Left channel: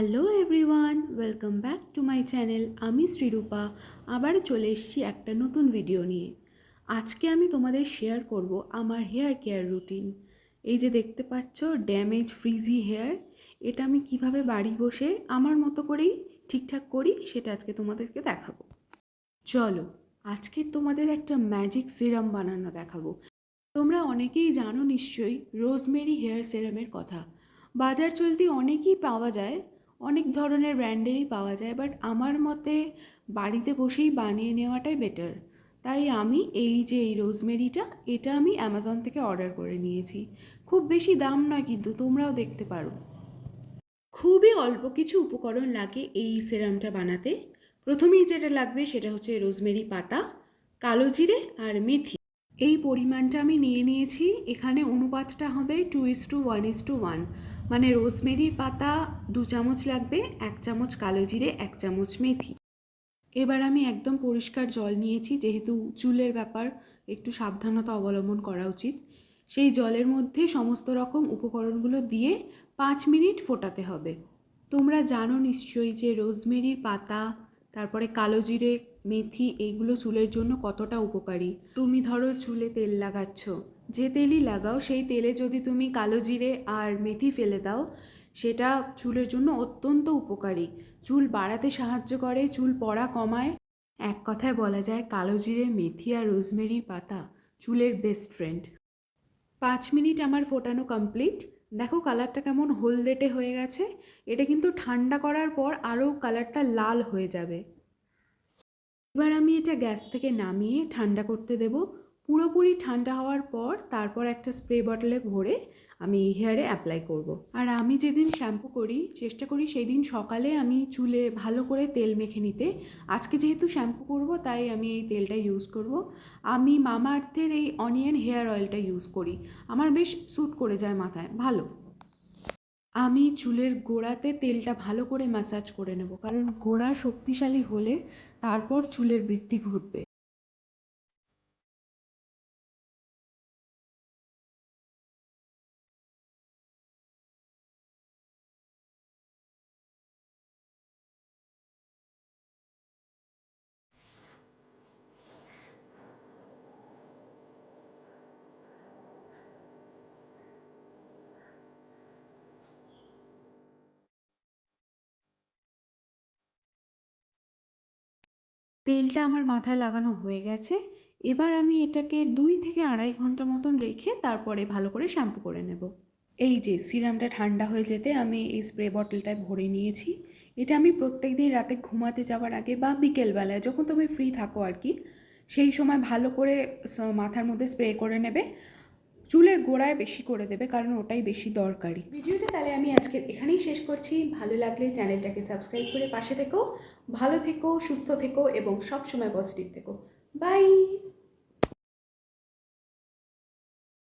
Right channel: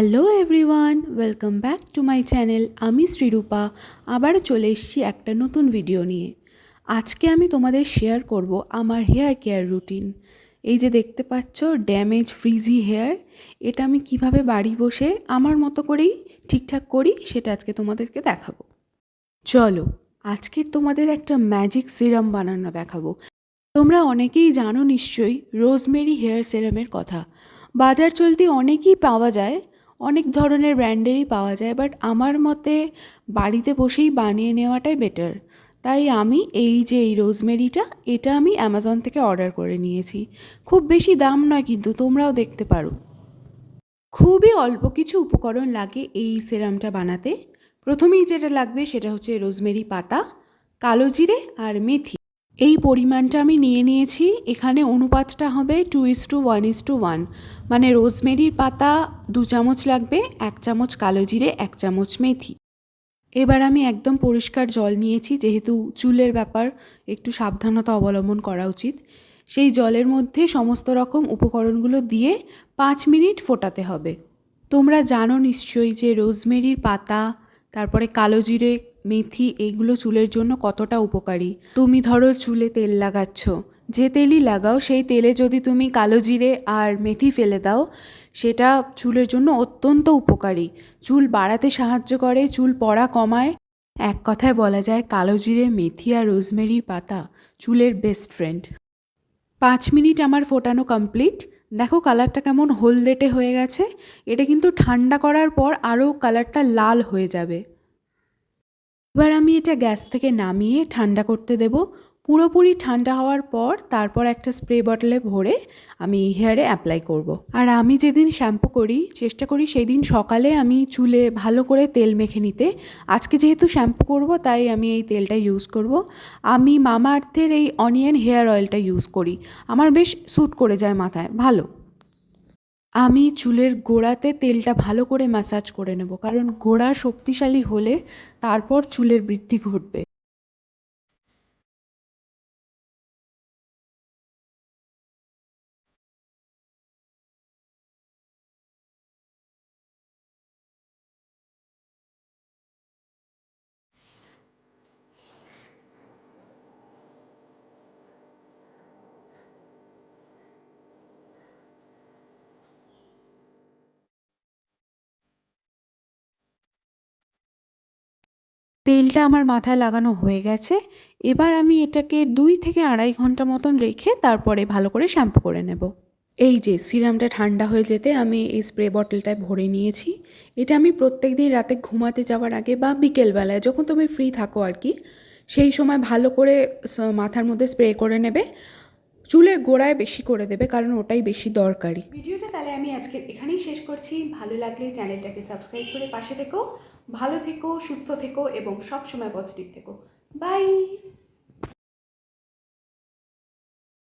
Hello everyone, welcome back to my channel. আমি শ্রীরূপা আবারও চলে এসেছি একটা নতুন ভিডিও নিয়ে। আজকে আমি তোমাদের শেয়ার করব আমার হেয়ার কেয়ার রুটিন। এই যে দেখতে পাচ্ছ ড্যামেজ ফ্রিজি হেয়ার, এটা আমি কিভাবে বাড়ি বসে আমার মতো করেই ঠিকঠাক করি সেটা আজকে তোমাদেরকে দেখাবো। চলো আজকে তোমাদের একটা ম্যাজিক সিরাম বানানো দেখাবো। তোমরা অনেকেই জানো নিশ্চয়ই রোজমেরি হেয়ার সিরামের কথা। বাজার চলতি অনেকই পাওয়া যায়, অনেক ধরনের ব্র্যান্ডেরই পাওয়া যায়, বাট আমার মতে বাড়িতে বসেই বানিয়ে নেওয়াটাই বেটার। তাই আমি এই রোজমেরিটা, এটা আমি অ্যামাজন থেকে অর্ডার করে নিয়েছি। খুব বেশি দাম নয়, কিন্তু তোমরাও দেখতে পারো। খুবই অল্প কিছু উপকরণ লাগে এই সিরামটা বানাতে। প্রথমেই যেটা লাগবে সেটা হচ্ছে রোজমেরি পাতা, কালো জিরে আর মেথি। এই পরিমাণটা আমি নিয়ে নিয়েছি। এখানে অনুপাতটা হবে 2:1:1, মানে রোজমেরির পাতা 2 চামচ লাগবে, 1 চামচ কালো জিরে, 1 চামচ মেথি। এবার আমি একদম পরিষ্কার জল নিয়েছি, যেহেতু চুলের ব্যাপার একটু সাবধানতা অবলম্বন করা উচিত। সেই জলের মধ্যে সমস্ত রকম উপকরণগুলো দিয়ে 5 মিনিট ফোটাতে হবে। তোমরা জানো নিশ্চয়ই যে রোজমেরির পাতা, তারপরে কালো জিরে, মেথি, এইগুলো চুলের জন্য কতটা উপকারী। তুমি ধরো চুলে তেল লাগাচ্ছ, যে তেলই লাগাও সেই তেলে যদি তুমি কালো জিরে আর মেথি ফেলে দাও, সেটা চুলের জন্য অত্যন্ত উপকারী। চুল বাড়াতে সাহায্য করে, চুল পড়া কমায়। এক কথায় বলা যায় কালো জিরে, মেথি আর রোজমেরির পাতা চুলের বেস্ট ফ্রেন্ড। 5 মিনিট আমার ফোটানো কমপ্লিট। দেখো কালারটা কেমন হলদেটে হয়ে গেছে। এটা কিন্তু ঠান্ডা করার পর আরও কালারটা লাল হয়ে যাবে। এবার আমি এটা গ্যাস থেকে নামিয়ে ঠান্ডা করতে দেব। পুরোপুরি ঠান্ডা হওয়ার পর তারপর একটা স্প্রে বটলে ভরে আমি হেয়ারে অ্যাপ্লাই করব। আর আমি যেদিন শ্যাম্পু করি চেষ্টা করি সেই দিন সকালে আমি চুলে ভালো করে তেল মেখে নিতে। আজকে যেহেতু শ্যাম্পু করব তাই আমি এই তেলটা ইউজ করব। আমি মামা আর্থের এই অনিয়ন হেয়ার অয়েলটা ইউজ করি, আমার বেশ স্যুট করে যায় মাথায় ভালো। আমি চুলের গোড়াতে তেলটা ভালো করে ম্যাসাজ করে নেব, কারণ গোড়া শক্তিশালী হলে তারপর চুলের বৃদ্ধি ঘটবে। তেলটা আমার মাথায় লাগানো হয়ে গেছে। এবার আমি এটাকে 2 থেকে 2.5 ঘন্টা মতন রেখে তারপরে ভালো করে শ্যাম্পু করে নেব। এই যে সিরামটা ঠান্ডা হয়ে যেতে আমি এই স্প্রে বটলটায় ভরে নিয়েছি। এটা আমি প্রত্যেক দিন রাতে ঘুমাতে যাওয়ার আগে বা বিকেলবেলায় যখন তুমি ফ্রি থাকো আর কি, সেই সময় ভালো করে মাথার মধ্যে স্প্রে করে নেবে। চুলের গোড়ায় বেশি করে দেবে, কারণ ওটাই বেশি দরকারি। ভিডিওটা তাহলে আমি আজকে এখানেই শেষ করছি। ভালো লাগলে চ্যানেলটাকে সাবস্ক্রাইব করে পাশে থেকো। ভালো থেকো, সুস্থ থেকো এবং সব সময় পজিটিভ থেকো। বাই।